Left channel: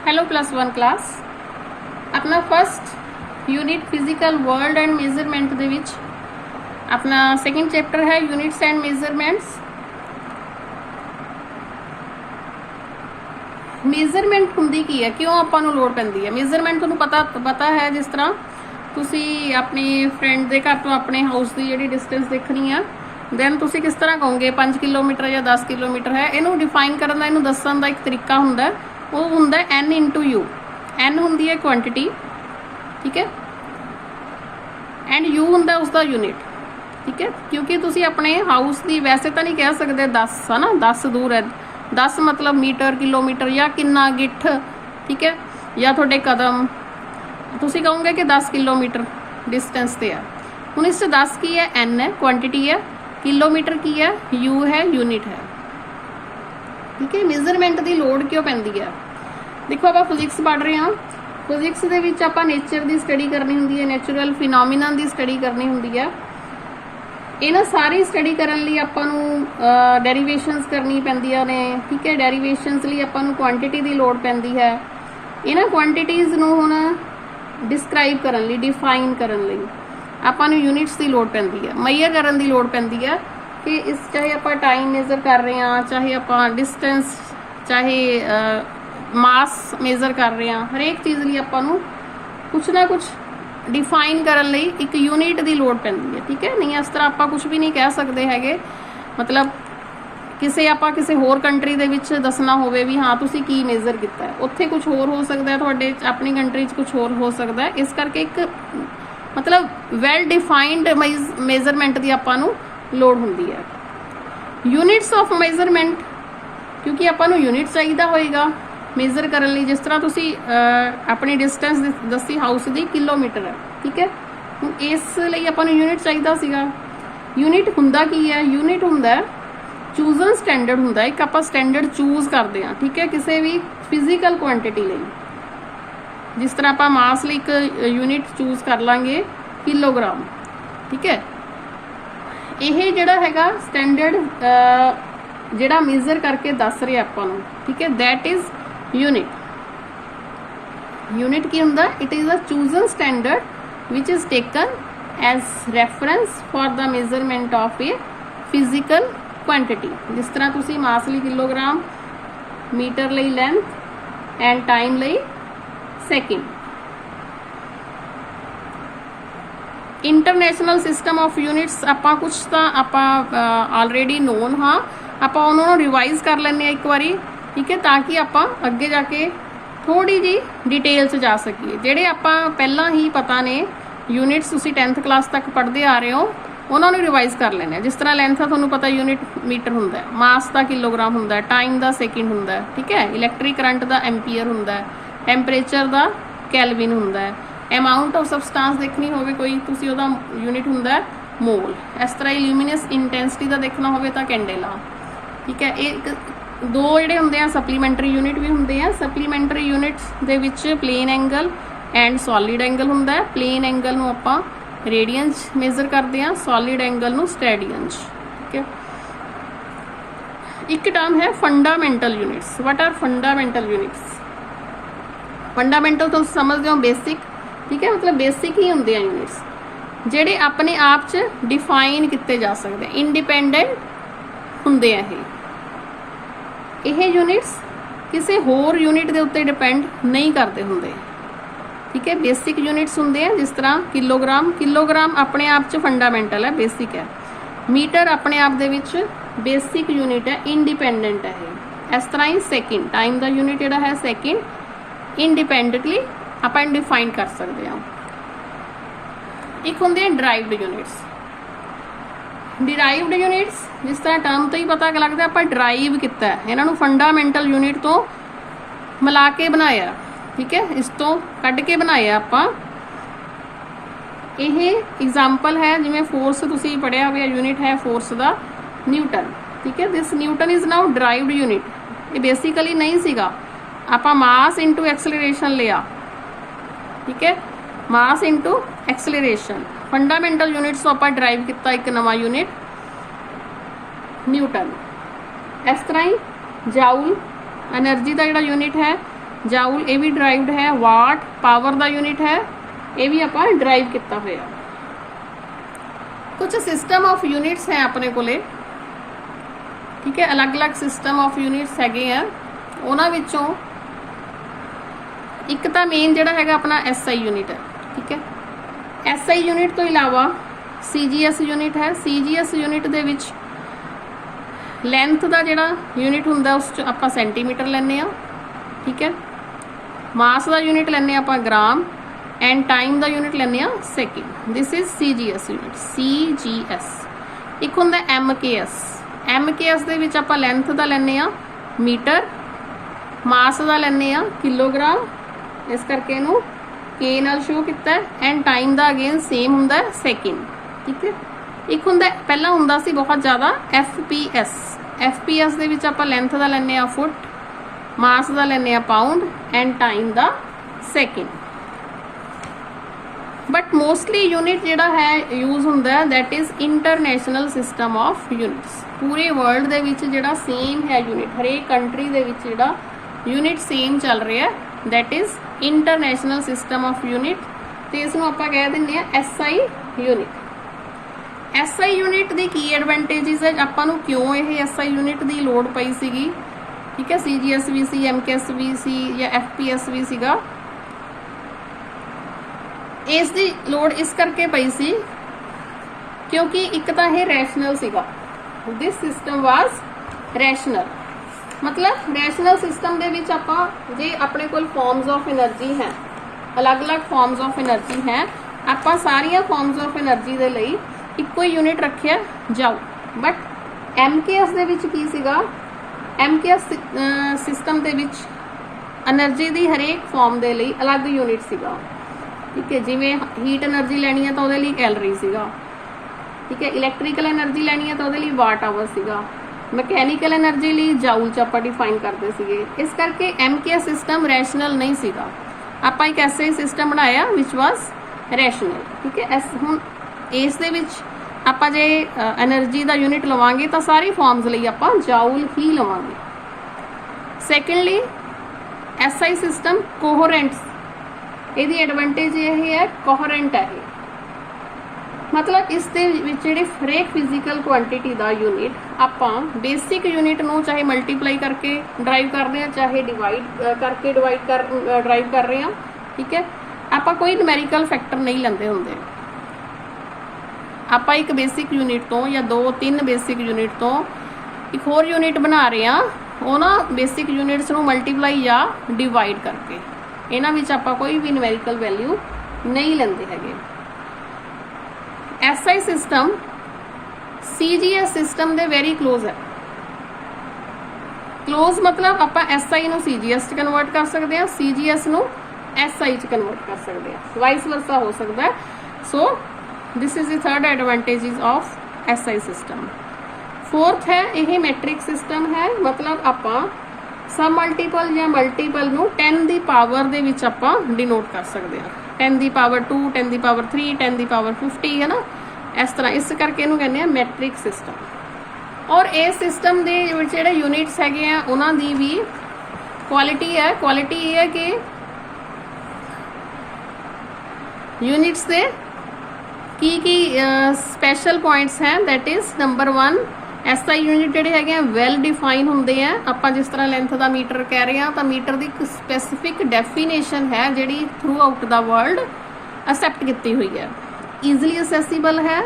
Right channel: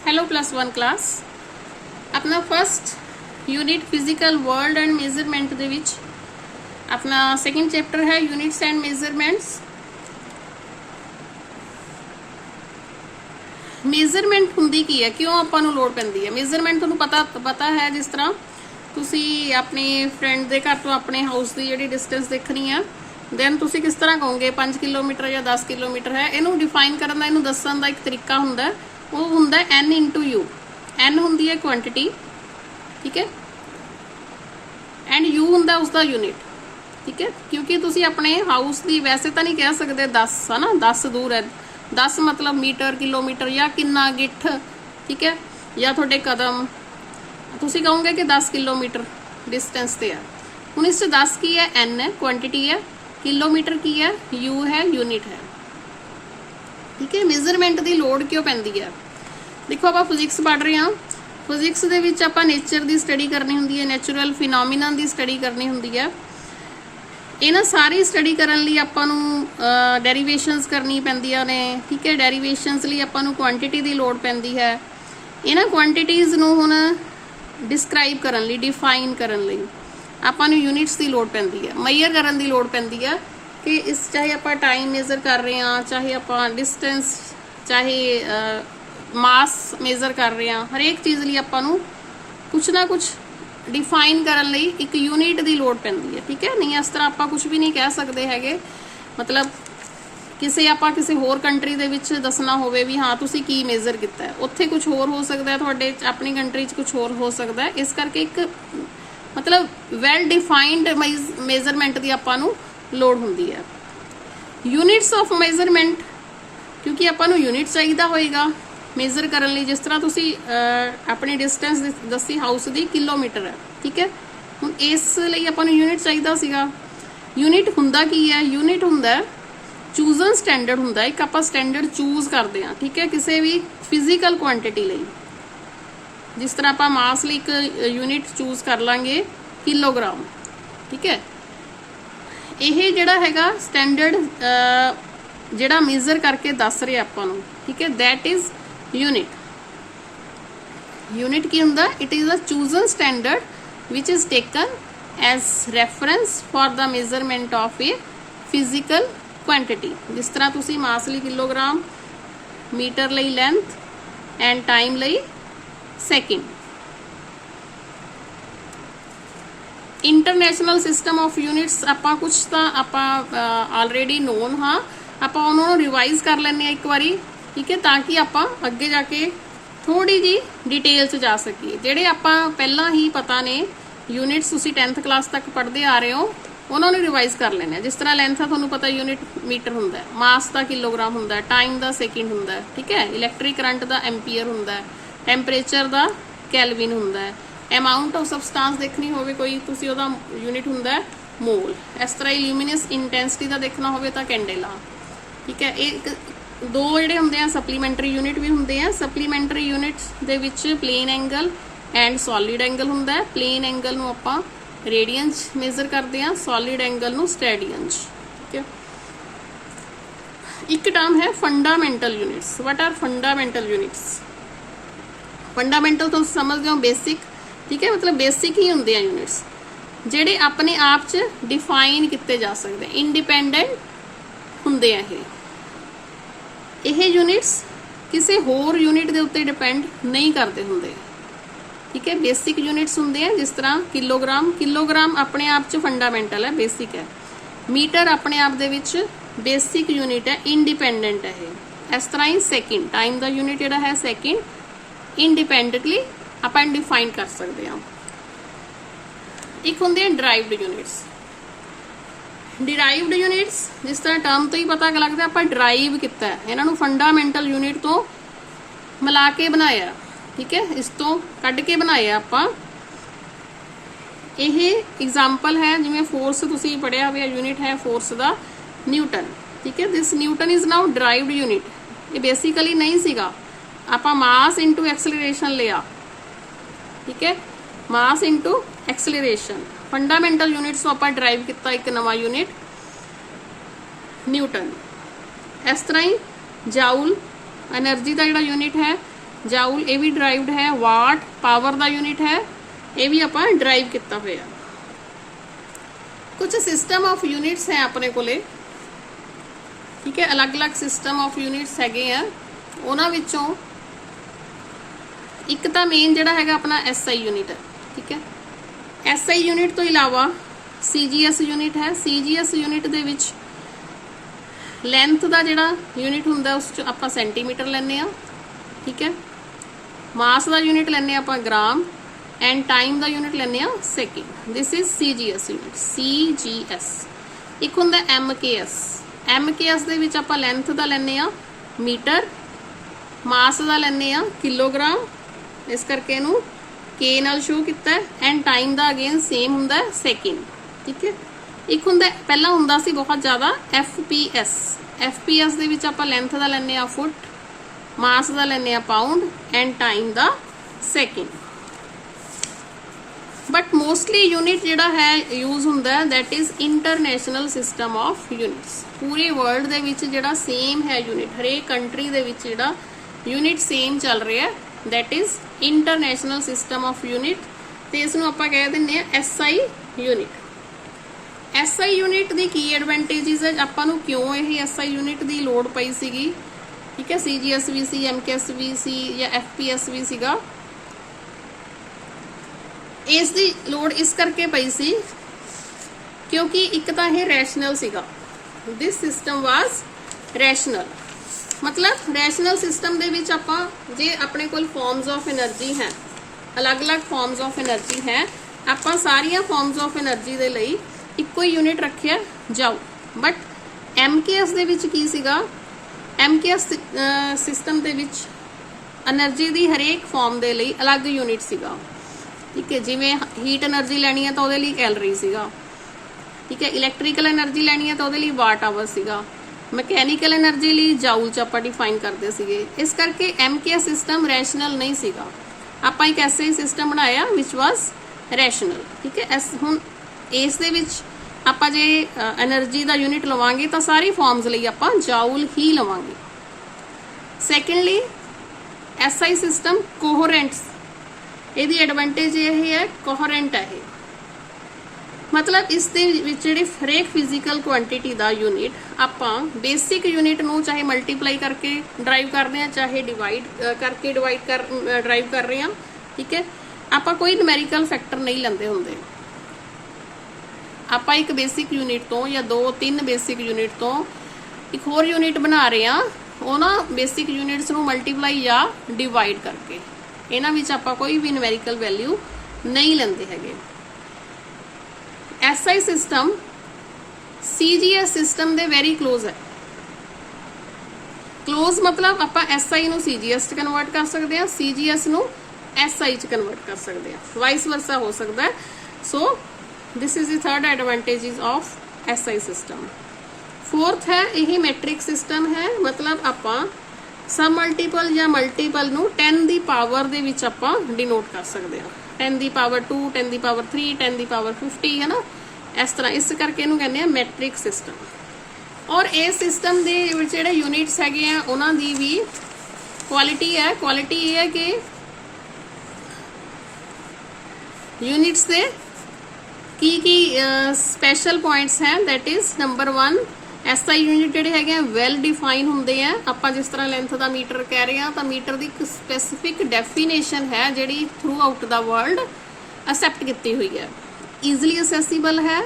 Hello +1 class अपना first unit physical world and measurement दे विच अपना सेकंड चैप्टर है यूनिट्स एंड मेजरमेंट्स। मेजरमेंट हुंदी की है, क्यों आपां नूं लोड़ पैंदी है। मेजरमेंट तुहानूं पता है, जिस तरह तुसी अपनी फ्रेंड दे घर तो अपने हाउस की जिहड़ी डिस्टेंस देखनी है, दैन तुसी किस तरह कहोगे 5 किलोमीटर या 10 किलोमीटर है। इनू डिफाइन करन दा, इनू दस्सण दा एक तरीका हुंदा है, वो हुंदा है n इंटू यू। n हुंदी है क्वांटिटी, ठीक है, एंड u हुंदा उसका यूनिट, ठीक है। क्योंकि तुसी अपने हाउस की वैसे तो नहीं कह सकते 10 है ना, 10 दूर है, 10 मतलब मीटर किलोमीटर या किन्ना गिठ, ठीक है, या थोड़े कदम, तुसी कहोगे कि 10 किलोमीटर डिस्टेंस ते है। हुण इस 10 की है, n है क्वांटिटी है, किलोमीटर की है, u है यूनिट है, ठीक है। मेजरमेंट की लोड़ क्यों पैंदी है, देखो आप फिजिक्स पढ़ रहे हैं, फिजिक्स दे विच आपां नेचर की स्टडी करनी हुंदी है, नैचुरल फिनोमिना की स्टडी करनी हुंदी है। इन्हां सारी स्टडी करन लई आपां नूं डेरीवेशनस करनी पैंदियां ने, ठीक है। डेरीवेशनस लई आपां नूं क्वांटिटी की लोड़ पैंदी है। इन्हां क्वांटिटीज़ नूं हुण डिस्क्राइब करन लई, डिफाइन करन लई आपां नूं यूनिट्स की लोड़ पैंदी है, मेजर करन की लोड़ पैंदी है कि इस चाहे आप टाइम मेजर कर रहे हैं, चाहे आप डिस्टेंस, चाहे मास मेजर कर रहे हैं, हरेक चीज़ लिए आपां नूं कुछ ना कुछ डिफाइन करन लई एक यूनिट की लोड़ पैंदी है, ठीक है। नहीं इस तरह आपां कुछ भी नहीं कह सकते हैगे, मतलब किसी आपां किसी होर कंट्री दे विच दसना होवे भी हाँ तुसीं की मेजर किया है, उत्थे कुछ होर हो सकता है, तुहाडे अपनी कंट्री च कुछ होर हो सकता है। इस करके एक मतलब वैल डिफाइंड मेजरमेंट की आपां नूं लोड़ हुंदी है। यूनिट्स ऑफ मेजरमेंट, क्योंकि आपां नूं यूनिट चाहिदा होएगा मेजर करन लई। जिस तरह तुसी अपनी डिस्टेंस दसी हाउस की किलोमीटर है, ठीक है, हुण इस लई आपां नूं यूनिट चाहिदा सीगा। यूनिट हुंदा की है, यूनिट हुंदा चूजन स्टैंडर्ड हुंदा, एक आपां स्टैंडर्ड चूज करते हैं, ठीक है, किसी भी फिजिकल क्वांटिटी लई। जिस तरह आप मास लई एक यूनिट चूज कर लांगे किलोग्राम, ठीक है। यह जिहड़ा हैगा स्टैंडर्ड जिहड़ा मेजर करके दस रहे आपां नूं, ठीक है, दैट इज यूनिट। यूनिट की हुंदा, it is a chosen standard which is taken as reference for the measurement of a physical quantity. जिस तरह तुसी मास लई किलोग्राम, मीटर लई लेंथ एंड टाइम लई second. International system of units आपां कुछ तो आपां ऑलरेडी नोन हाँ, आपां उन्होंने रिवाइज कर लें एक बारी, ठीक है, ताकि आपां अगे जाके थोड़ी जी डिटेल च जा सकीए। जेडे आपां पहला ही पता ने यूनिट्स तुसीं 10th क्लास तक पढ़ते आ रहे हो, उन्होंने रिवाइज कर लेने। जिस तरह लेंथ है तुहानूं पता यूनिट मीटर हुंदा है, मास का किलोग्राम हुंदा है, टाइम का सेकेंड हुंदा है, ठीक है, इलैक्ट्रिक करंट का एंपीयर हुंदा है, टैंपरेचर का कैलविन हुंदा है, अमाउंट ऑफ सबसटांस देखनी होवे कोई तुसी ओहदा यूनिट हुंदा है मोल। इस तरह ल्यूमिनस इंटेंसिटी का देखना होवे तां कैंडेला, ठीक है। एक दो जिहड़े हुंदे आ सप्लीमेंटरी यूनिट भी हुंदे आ। सप्लीमेंटरी यूनिट्स दे विच plane angle and solid angle हुंदा है। प्लेन एंगल नूं आपां रेडियंस मेजर करते हैं, सॉलिड एंगल नूं स्टैडियंस, ठीक है। एक टर्म है fundamental units. What are fundamental units? Fundamental तो समझते हो बेसिक, ठीक है, मतलब बेसिक ही होंगे यूनिट्स जेडे अपने आप च डिफाइन किए जा सकते हैं, इंडिपेंडेंट होंगे हैं। यह यूनिट्स किसी होर यूनिट के उत्ते डिपेंड नहीं करते होंगे, ठीक है। बेसिक यूनिट्स होंगे हैं, जिस तरह किलोग्राम, किलोग्राम अपने आप च फंडामेंटल है, बेसिक है। मीटर अपने आप दे विच बेसिक यूनिट है, इंडिपेंडेंट है। इस तरह ही सेकेंड, टाइम का यूनिट जिहड़ा है सेकेंड, इंडिपेंडेंटली अपन डिफाइन कर सकते हैं। एक होंगे डिराइव्ड यूनिट्स। डिराइव्ड यूनिट्स जिस तरह टर्म तो ही पता लगता आप डिराइव किया है, इन्हों फंडामेंटल यूनिट तो मिला के बनाया, ठीक है, इस तो कढ़ के बनाया आपां। यह एग्जाम्पल है जिवें फोर्स तुसीं पढ़िया हुआ यूनिट है फोर्स का न्यूटन, ठीक है। This Newton is now derived unit. ये बेसिकली नहीं सीगा, आपां मास इंटू एक्सलरेशन लिया, ठीक है, mass into acceleration. Fundamental units तो आपां डिराइव किया एक नवा यूनिट न्यूटन। इस तरह ही जाउल एनर्जी का जिहड़ा यूनिट है जाउल ये भी डराइव्ड है, वाट पावर का यूनिट है, ये भी आप डराइव किया हुआ। कुछ सिस्टम ऑफ यूनिट्स हैं अपने कोले, ठीक है, अलग अलग सिस्टम ऑफ यूनिट्स हैगे हैं। उन्हां विचों एक तो मेन जिहड़ा हैगा अपना SI यूनिट है, ठीक है। SI यूनिट तो इलावा CGS यूनिट है। CGS यूनिट दे विच लेंथ का जिहड़ा यूनिट हुंदा उस च आपां सेंटीमीटर लैंदे आ, ठीक है। मास का यूनिट लैंदे आपां ग्राम एंड टाइम का यूनिट लैंदे आ second. This is CGS unit. CGS एक हुंदा MKS। MKS दे विच आपां लेंथ का लैंदे आ मीटर, मास का लैंदे आ किलोग्राम, इस करके इहनूं K नाल शो किया है। एंड टाइम का अगेन सेम हुंदा है सेकेंड, ठीक है। एक हुंदा पहला हुंदा सी बहुत ज़्यादा FPS। FPS दे विच आपां लेंथ का लैंदे आ फुट, मास का लैंदे आ पाउंड एंड टाइम का सेकेंड। बट मोस्टली यूनिट जिहड़ा है यूज हुंदा है that is international system of units. पूरे वर्ल्ड दे विच जिहड़ा सेम है यूनिट, हरेक कंट्री दे विच जिहड़ा यूनिट सेम चल रहा है that is international system of unit. तो इसनूं आपां कह दिंदे आ SI यूनिट। SI यूनिट की की एडवांटेजेस है, आपां नूं क्यों ये SI यूनिट की लोड़ पई सीगी, ठीक है। CGS भी सी, MKS भी सी या FPS भी सीगा। इस दी लोड़ इस करके पई सी क्योंकि एक तो यह रैशनल सीगा। दिस सिस्टम वाज रैशनल, मतलब रैशनल सिस्टम दे विच आपां जे अपने कोल फॉर्म्स ऑफ एनर्जी हैं, अलग अलग फॉर्म्स ऑफ एनर्जी हैं, आपां सारियां फॉर्म्स ऑफ एनर्जी दे लई इक्को ही यूनिट रखिया जाओ। बट MKS दे विच की सीगा, MKS सिस्टम दे विच एनर्जी दी हरेक फॉर्म दे लई अलग यूनिट सीगा, ठीक है। जिवें हीट एनर्जी लैनी है तो उहदे लई कैलरी सीगा, ठीक है। इलैक्ट्रिकल एनर्जी लैनी है तो उहदे लई वाट आवर सीगा, मैकेनिकल एनर्जी लई जाउल च आपां डिफाइन करते सीगे। इस करके MKS सिस्टम रैशनल नहीं सीगा। आपां एक ऐसे सिस्टम बनाया विच वाज रैशनल, ठीक है। हुण इस दे विच आपां जे एनर्जी का यूनिट लवांगे तो सारी फॉर्म्स लई आपां जाउल ही लवांगे। सैकेंडली SI सिस्टम कोहेरेंट, ਇਹਦੀ एडवांटेज ये है कोहेरेंट है, मतलब इस दे विच जिहड़ी हरेक फिजिकल क्वांटिटी का यूनिट आपां बेसिक यूनिट नूं चाहे मल्टीप्लाई करके ड्राइव कर रहे हैं, चाहे डिवाइड करके ड्राइव कर रहे हैं, ठीक है। आपां कोई न्यूमेरिकल फैक्टर नहीं लैंदे हुंदे। आपां एक बेसिक यूनिट तो या 2-3 बेसिक यूनिट तो एक होर यूनिट बना रहे हैं, उन्हां बेसिक यूनिट्स नूं मल्टीप्लाई या डिवाइड करके इन्हां विच आपां कोई भी न्यूमेरिकल वैल्यू नहीं लैंदे हैगे। SI system CGS system they very close है। क्लोज मतलब आपां SI नूं CGS च कन्वर्ट कर सकते हैं, CGS नूं SI च कन्वर्ट कर सकते हैं, वाइस वर्सा हो सकता है। So this is the third advantages of SI system. Fourth है यह मैट्रिक सिस्टम है, मतलब आपां सब मल्टीपल या मल्टीपल नूं 10 दी पावर दे विच आपां डिनोट कर सकते हैं। 10 the power 2, 10 the power 3, 10 the power 50 है ना, इस तरह। इस करके इहनूं कहंदे आ मैट्रिक सिस्टम। और इस सिस्टम दे विच जिहड़े यूनिट्स हैगे आ उन्हां दी भी क्वालिटी है। क्वालिटी ये है कि यूनिट्स दे की स्पैशल पॉइंट्स हैं, that is number 1 SI unit जिहड़े हैगे वैल डिफाइन हुंदे हैं। आपां जिस तरह लेंथ का मीटर कह रहे हैं तो मीटर की एक स्पैसिफिक डेफिनेशन है जिहड़ी through out the world accept की हुई है। ईजली असैसीबल है।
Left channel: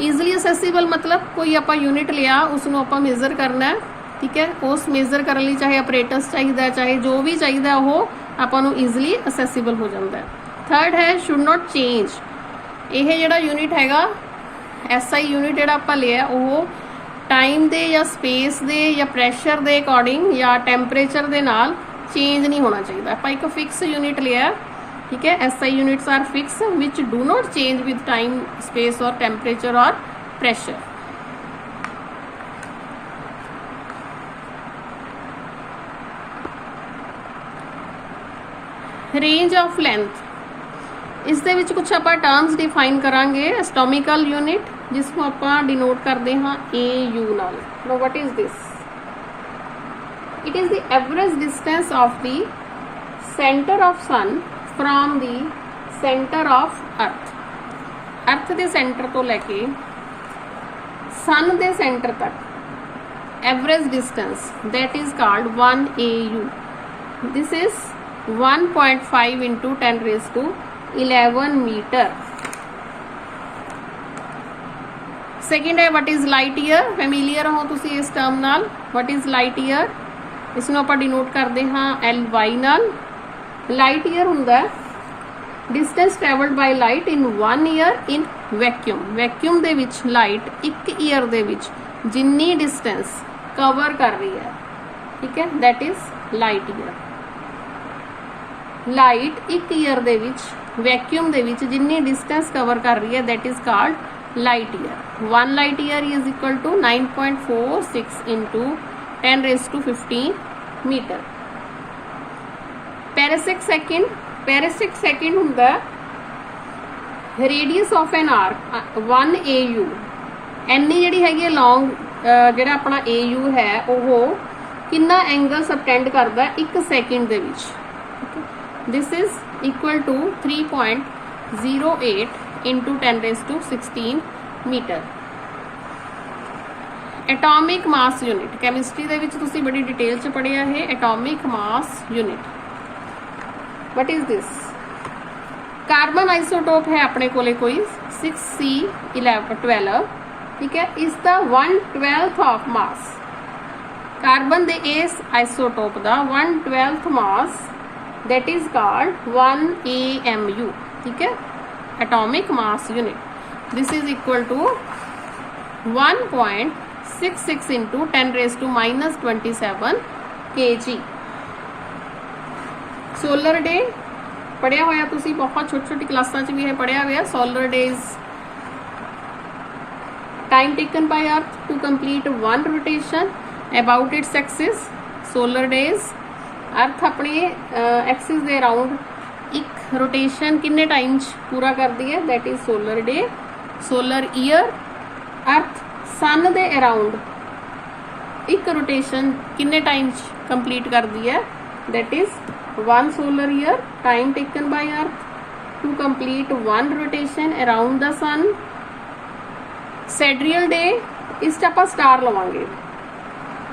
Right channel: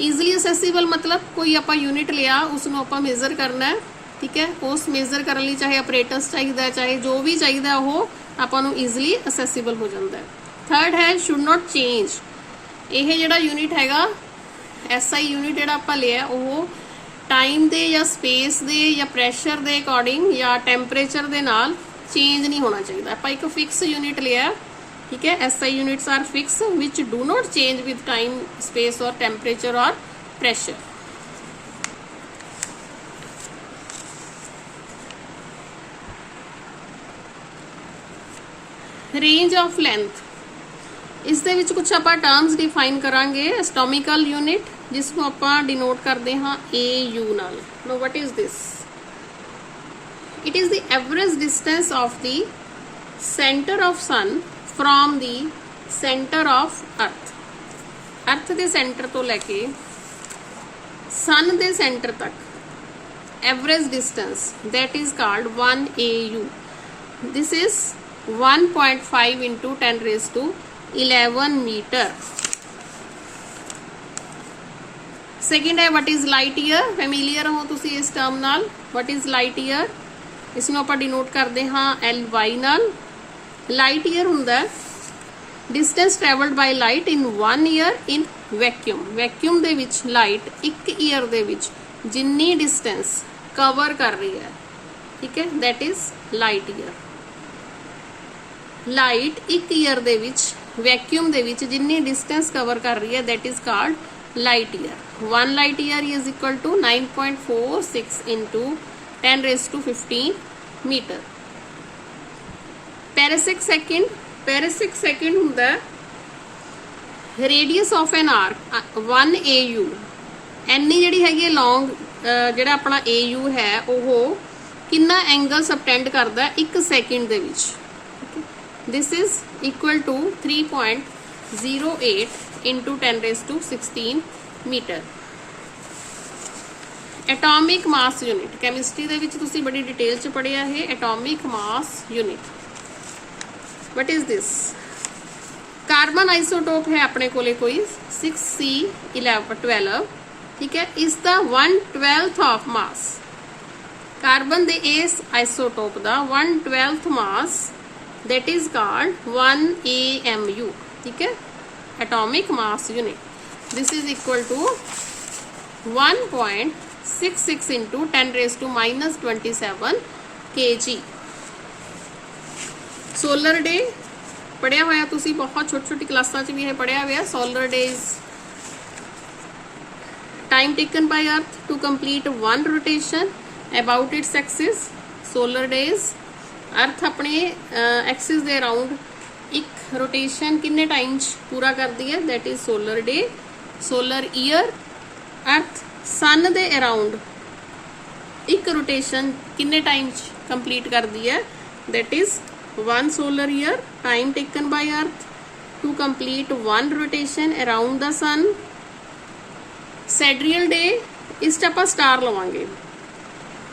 ईजली असैसीबल मतलब कोई आपां यूनिट लिया उसनूं आपां मेजर करना है, ठीक है। उस मेजर करने लई चाहे अपरेटस चाहिए, चाहे जो भी चाहिए वो आपां नूं ईजली असैसीबल हो जाता है। थर्ड है शुड नॉट चेंज। यह जिहड़ा यूनिट हैगा SI यूनिट जिहड़ा आपां लिया वो टाइम दे या स्पेस दे या प्रैशर दे अकॉर्डिंग या टैंपरेचर दे नाल चेंज नहीं होना चाहिए। आपां एक फिक्स यूनिट लिया, ठीक है। SI units are fix which do not change with time, space और टेम्परेचर और प्रेशर। रेंज ऑफ लेंथ, इस दे विच कुछ आपां टर्म्स डिफाइन करांगे। एस्टोमिकल यूनिट जिसनूं आपां डिनोट करते हाँ AU नाल। No what is this? It is the average distance of the centre of sun from the centre of earth, earth के सेंटर तो लैके सन के सेंटर तक average distance that is called 1 AU. This is 1.5 into 10 raised to 11 metre. Second है what is light year. Familiar हो तुसी इस term नाल. वट इज़ लाइट ईयर, इसनों आपां डिनोट करते हाँ LY नाल. लाइट ईयर हुंदा distance travelled by light in 1 year in vacuum. Vacuum दे विच लाइट 1 ईयर दे विच जिन्नी डिस्टेंस कवर कर रही है, ठीक है, that is light year. Light 1 year दे विच वैक्यूम दे विच जिन्नी डिस्टेंस कवर कर रही है that is called light year. 1 light year is equal to 9.46 into 10 raised to 15 metre. Parallactic second, parallactic second हुंदा radius of an arc 1 AU. Any जिहड़ी हैगी लॉन्ग जिहड़ा अपना AU है वो कितना एंगल सबटेंड करदा 1 सेकेंड दे विच. This is equal to 3.08 into 10 raised to 16 metre. Atomic mass unit chemistry दे विच तुसी बड़ी डिटेल च पढ़िया है. Atomic mass unit what is this. Carbon isotope है अपने कोले कोई 6C12, ठीक है, इसका 1/12 ऑफ मास. कार्बन दे इस आइसोटोप दा 1/12 mass that is called 1 AMU, ठीक है, atomic mass unit. This is equal to 1.66 into 10 raised to -27 kg. Solar day पढ़िया होया तुसी बहुत छोटी छोटी क्लासां च भी है पढ़िया हुआ. Solar days time taken by earth to complete 1 rotation about its axis. Solar days earth अपने एक्सिस के अराउंड एक रोटेशन किन्ने टाइम पूरा करती है that is solar day. Solar year earth sun दे अराउंड एक रोटेशन किन्ने टाइम कंप्लीट करती है that is 1 solar year. Time taken by earth to complete 1 rotation around the sun. Sidereal day इस आप स्टार लवांगे.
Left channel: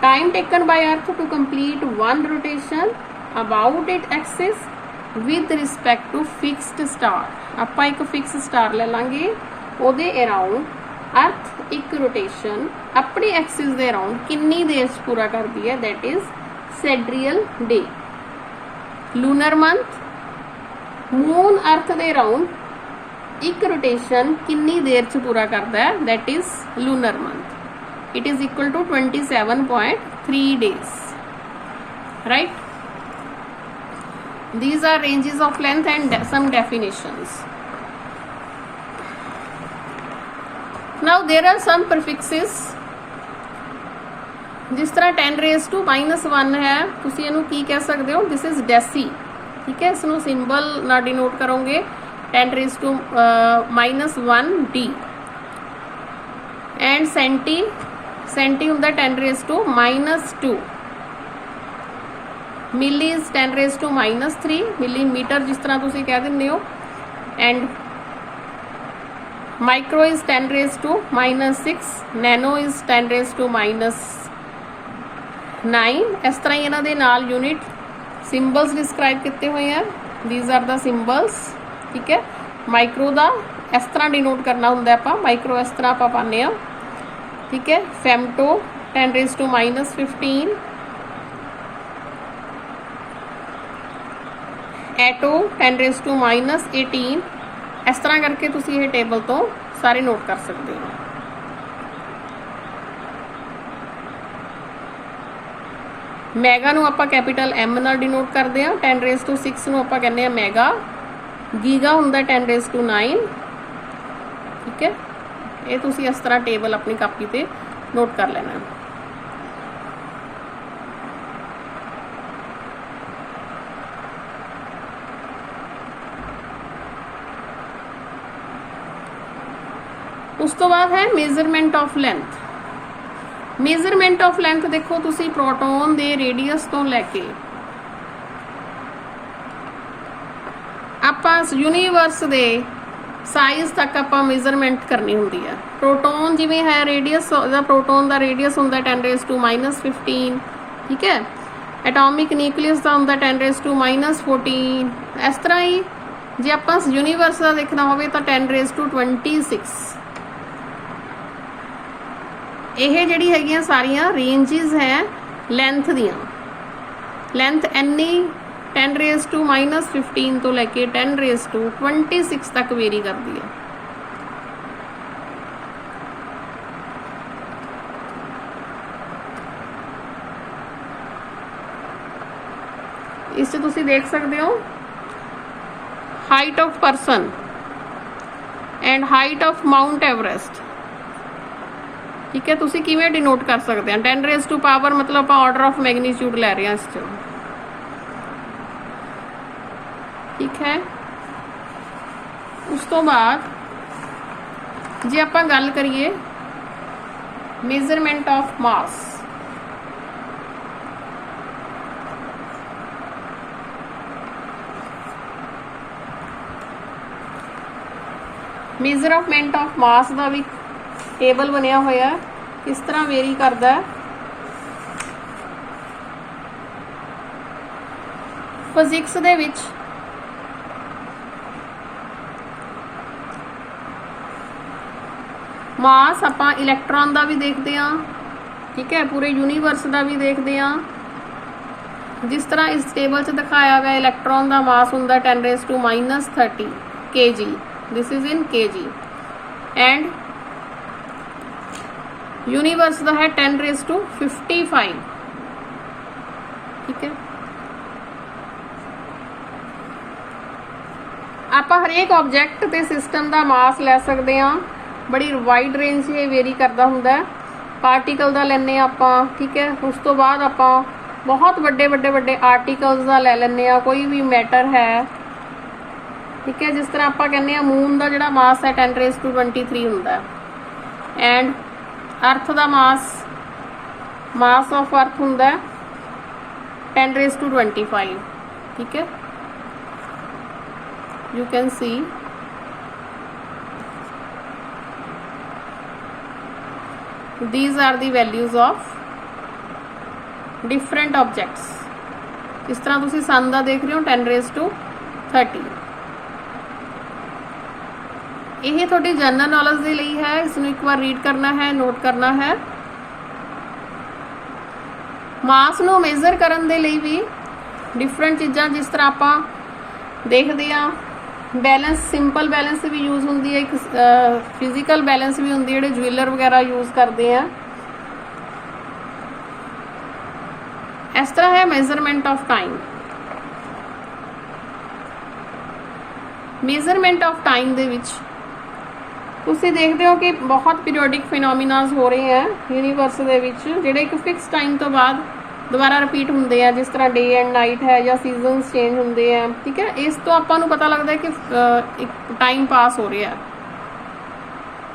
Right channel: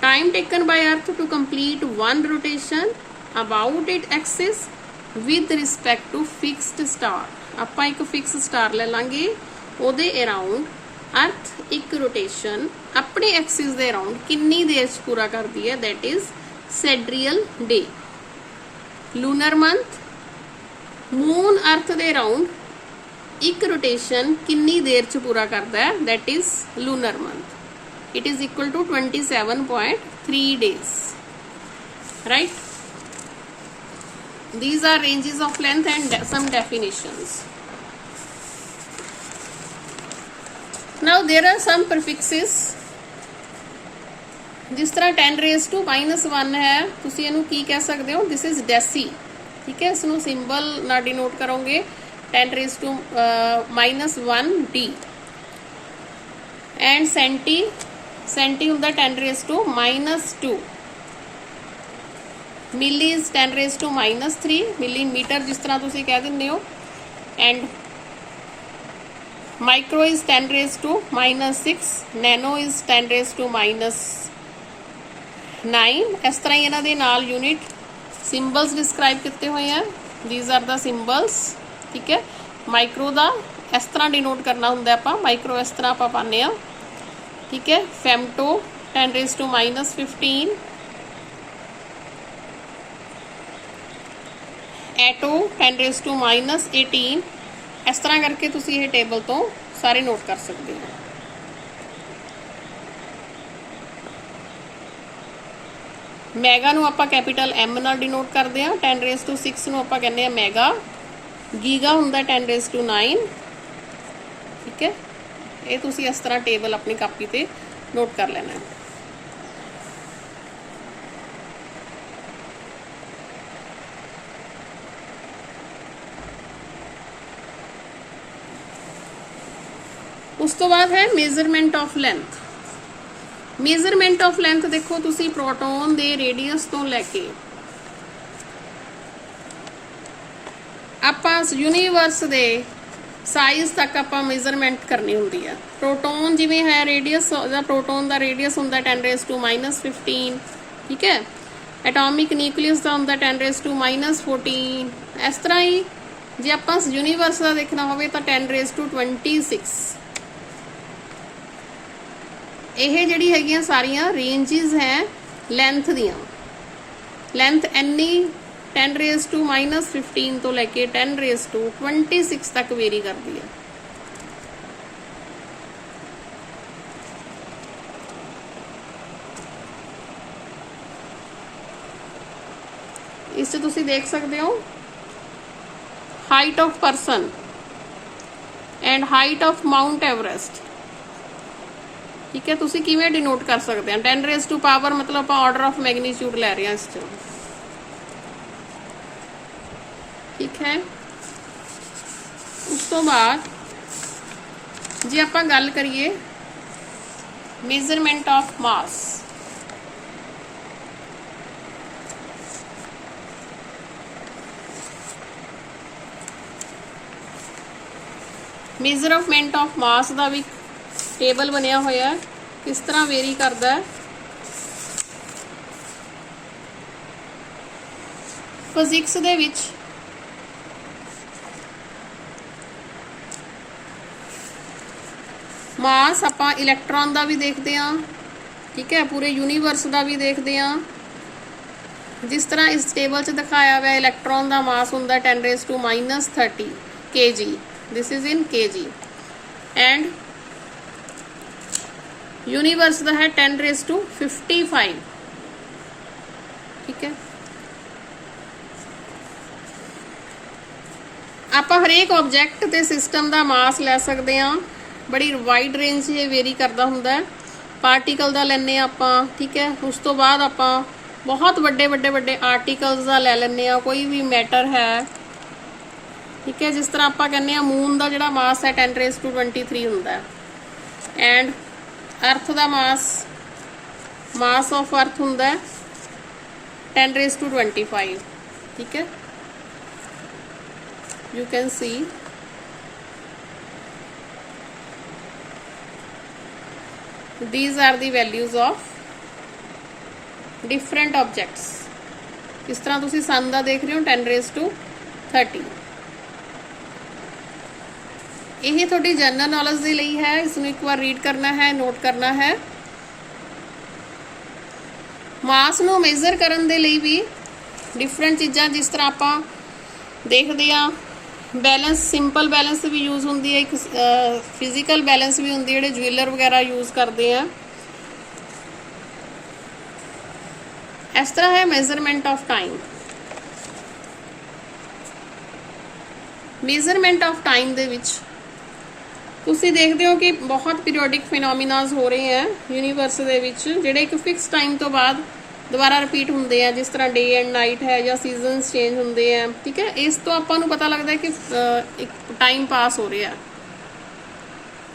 Time taken by earth to complete 1 rotation about it axis with respect to fixed star. आप एक fix star ले लांगे ओदे around अर्थ एक rotation अपने axis दे around किन्नी देर पूरा करती है that is sidereal day. Lunar month moon earth दे अराउंड एक रोटेशन किन्नी देर च पूरा करता है that is lunar month. It is equal to 27.3 days, right? These are ranges of length and some definitions. Now there are some prefixes. जिस तरह 10 raised to -1 है तुसी इहनूं की कह सकते हो. दिस इज डेसी, ठीक है, इसनूं सिंबल ना डिनोट करोगे 10 raised to -1 D. And centi, centi हुंदा 10 raised to -2. Milli is 10 raised to -3. Millimetre जिस तरह तुसी कह दिंदे हो. And micro is 10 raised to -6. Nano is 10 raised to -9. इस तरह इन्हां दे नाल यूनिट सिंबल्स डिस्क्राइब किए हुए हैं. दीज आर द सिंबल्स, ठीक है. माइक्रो का इस तरह डिनोट करना होंगे आप. माइक्रो इस तरह आप पाने, ठीक है. Femto 10 raised to -15. Auto 10 raised to -18. इस तरह करके तुसी ये टेबल तो सारे नोट कर सकते हो. मैगा नूं आपां कैपिटल M नाल डिनोट करते हैं. 10 raised to 6 नूं आपां कहने मैगा. गीगा हुंदा 10 raised to 9, ठीक है. ये तुसी इस तरह टेबल अपनी कापी पे नोट कर लेना. उस तो बाद है measurement of length. Measurement of length देखो तुसी प्रोटोन दे रेडियस तो लैके ਆਪਾਂ यूनिवर्स ਦੇ ਸਾਈਜ਼ ਤੱਕ ਆਪਾਂ ਮੇਜ਼ਰਮੈਂਟ ਕਰਨੀ ਹੁੰਦੀ ਹੈ। ਪ੍ਰੋਟੋਨ ਜਿਵੇਂ ਹੈ ਰੇਡੀਅਸ ਦਾ, ਪ੍ਰੋਟੋਨ ਦਾ ਰੇਡੀਅਸ ਹੁੰਦਾ 10⁻⁻15, ਠੀਕ ਹੈ। ਐਟੋਮਿਕ ਨਿਊਕਲੀਅਸ ਦਾ ਹੁੰਦਾ 10⁻⁻14। ਇਸ ਤਰ੍ਹਾਂ ਹੀ ਜੇ ਆਪਾਂ यूनिवर्स ਦਾ ਦੇਖਣਾ ਹੋਵੇ ਤਾਂ 10⁻26। ਇਹ ਜਿਹੜੀ ਹੈਗੀਆਂ ਸਾਰੀਆਂ ਰੇਂਜਸ ਹੈ ਲੈਂਥ ਦੀਆਂ। ਲੈਂਥ ਇੰਨੀ 10⁻⁻15 ਤੋਂ ਲੈ ਕੇ 10⁻26 ਤੱਕ ਵੇਰੀ ਕਰਦੀ ਹੈ। ਇਸ 'ਚ ਤੁਸੀਂ ਦੇਖ ਸਕਦੇ ਹੋ height of person and height of Mount Everest, ਠੀਕ ਹੈ। ਤੁਸੀਂ ਕਿਵੇਂ ਡਿਨੋਟ ਕਰ ਸਕਦੇ ਹੋ 10⁻⁻, ਮਤਲਬ ਆਪਾਂ ਆਰਡਰ ਆਫ ਮੈਗਨੀਟਿਊਡ ਲੈ ਰਹੇ ਹਾਂ ਇਸ 'ਚ, ठीक है। उस तो बाद जे आप गल करिए measurement of mass, measurement of mass का भी टेबल बनया होया किस तरह वेरी करता है। फिजिक्स दे विच मास ਆਪਾਂ इलैक्ट्रॉन का भी देखते हैं, ठीक है, पूरे यूनिवर्स का भी देखते हैं। जिस तरह इस टेबल च दिखाया गया इलैक्ट्रॉन का मास होंगे 10⁻30 kg, this is in kg, and universe का है 10⁵55, ठीक है। आप हरेक ऑब्जेक्ट ते सिस्टम का मास लै सकते हैं। बड़ी वाइड रेंज ये वेरी करता होंगे। पार्टिकल का लैने आप, ठीक है। उस तो बाद आप बहुत बड़े बड़े बड़े आर्टिकल्स का लै लें, कोई भी मैटर है, ठीक है। जिस तरह आप कहने मून का जोड़ा मास है 10⁻23 होंगे, एंड अर्थ का मास ऑफ अर्थ होंगे 10⁻25, ठीक है। You can see these are the values of different objects। इस तरह तुसी सन का देख रहे हो 10⁻30। यह थोड़ी जनरल नॉलेज के लिए है, इसमें एक बार रीड करना है, नोट करना है। मास नूं मेजर करन दे लिए भी डिफरेंट चीज़ां, जिस तरह आप देखते हैं बैलेंस, सिंपल बैलेंस भी यूज़ होंगी है, एक फिजिकल बैलेंस भी होंगी है, ज्वेलर वगैरह यूज़ करते हैं। इस तरह है measurement of time. Measurement of time दे विच तुसी देखते हो कि बहुत पीरियोडिक फिनोमिनाज हो रहे हैं यूनिवर्स दे विच, जिहड़े एक फिक्स टाइम तो बाद दोबारा रिपीट होंगे हैं, जिस तरह डे एंड नाइट है या सीजनस चेंज होंगे हैं, ठीक है। इस तो आपको पता लगता है कि टाइम पास हो रहा है,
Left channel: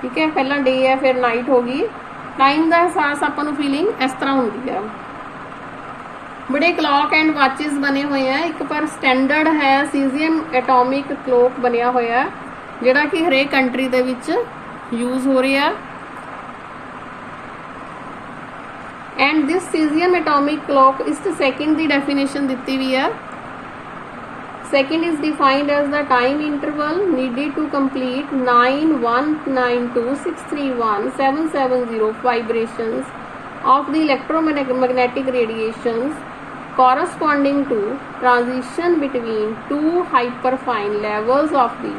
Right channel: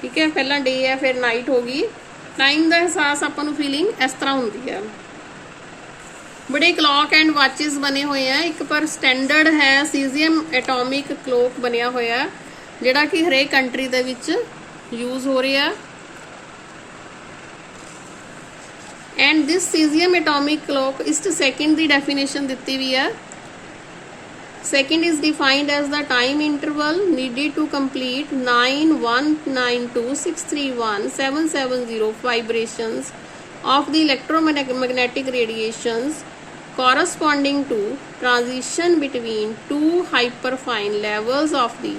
ठीक है। पहला डे है फिर नाइट होगी, टाइम का एहसास आपको फीलिंग इस तरह होती है। बड़े क्लॉक एंड वाचिस बने हुए हैं। एक पर स्टैंडर्ड है सीजियम एटॉमिक क्लॉक बनया होया है, जिहड़ा कि हरेक कंट्री दे विच यूज़ हो रहा है। And this caesium atomic clock इस सेकंड की डेफिनेशन दी हुई है। Second is defined as the time interval needed to complete 9192631770 vibrations of the electromagnetic radiations corresponding to transition between two hyperfine levels of the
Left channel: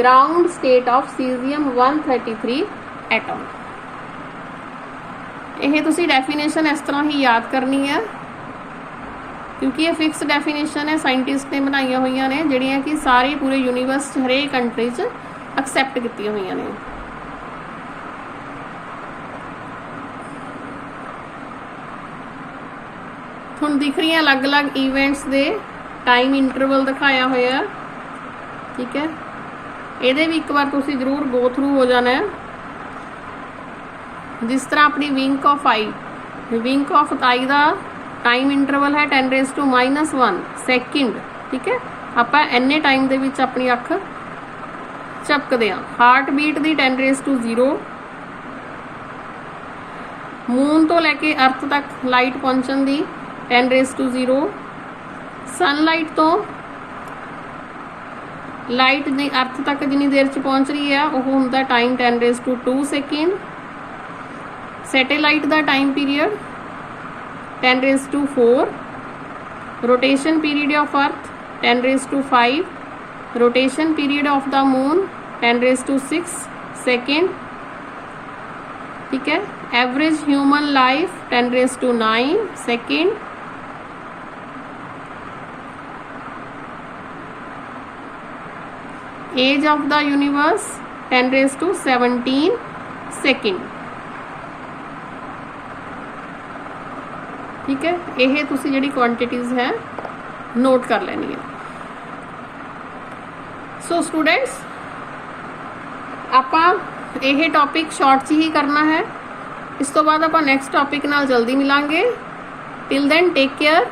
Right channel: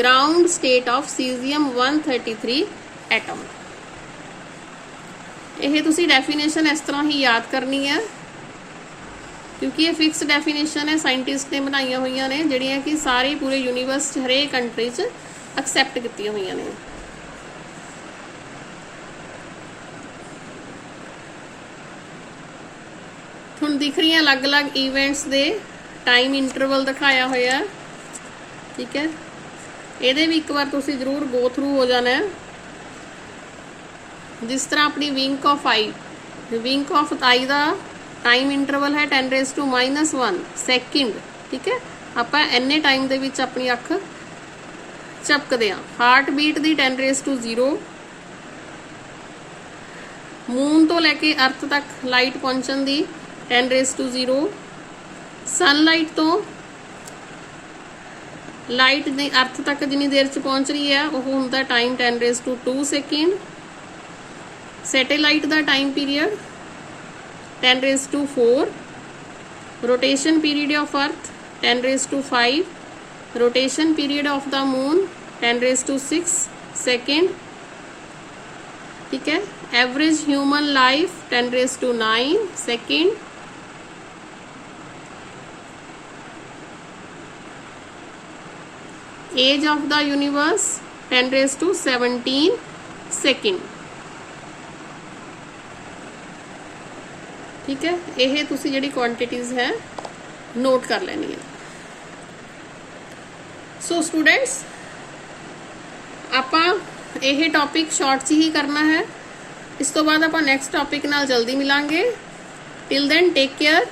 ground state of cesium-133 atom। यह तुसी definition इस तरह ही याद करनी है, क्योंकि ये फिक्स डेफिनेशन है, साइंटिस्ट ने बनाई हुई ने, जिहड़ियां कि सारे पूरे यूनिवर्स हरेक कंट्री च एक्सैप्ट की हुई ने। हुण दिख रही अलग अलग इवेंट्स दे टाइम इंटरवल दिखाया होया, ठीक है। ये भी एक बार तुसी जरूर गो थ्रू हो जाना है। जिस तरह अपनी विंक ऑफ आई का टाइम इंटरवल है 10⁻⁻1 सेकंड, ठीक है। ਆਪਾਂ ਇੰਨੇ ਟਾਈਮ ਦੇ ਵਿੱਚ ਆਪਣੀ ਅੱਖ ਝਪਕਦੇ ਆ। ਹਾਰਟ ਬੀਟ ਦੀ 10⁻0, ਮੂਨ ਤੋਂ ਲੈ ਕੇ ਅਰਥ ਤੱਕ ਲਾਈਟ ਪਹੁੰਚਣ ਦੀ 10⁻0, ਸਨਲਾਈਟ ਤੋਂ ਲਾਈਟ ਦੀ ਅਰਥ ਤੱਕ ਜਿੰਨੀ ਦੇਰ ਚ ਪਹੁੰਚ ਰਹੀ ਹੈ ਉਹ ਹੁੰਦਾ time 10⁻2 second. Satellite the time period 10⁻4, rotation period of ਅਰਥ 10⁻5, rotation period of the moon 10⁻6 second, ठीक है। Average human life 10⁻9 second, age of the universe 10⁻17 second, ठीक है। यह तुसी जिहड़ी क्वांटिटीज है नोट कर लेनी है। सो स्टूडेंट्स ਆਪਾਂ ਇਹ ਟੌਪਿਕ ਸ਼ਾਰਟ 'ਚ ਹੀ ਕਰਨਾ ਹੈ। ਇਸ ਤੋਂ ਬਾਅਦ ਆਪਾਂ ਨੈਕਸਟ ਟੌਪਿਕ ਨਾਲ ਜਲਦੀ ਮਿਲਾਂਗੇ। Till then take care.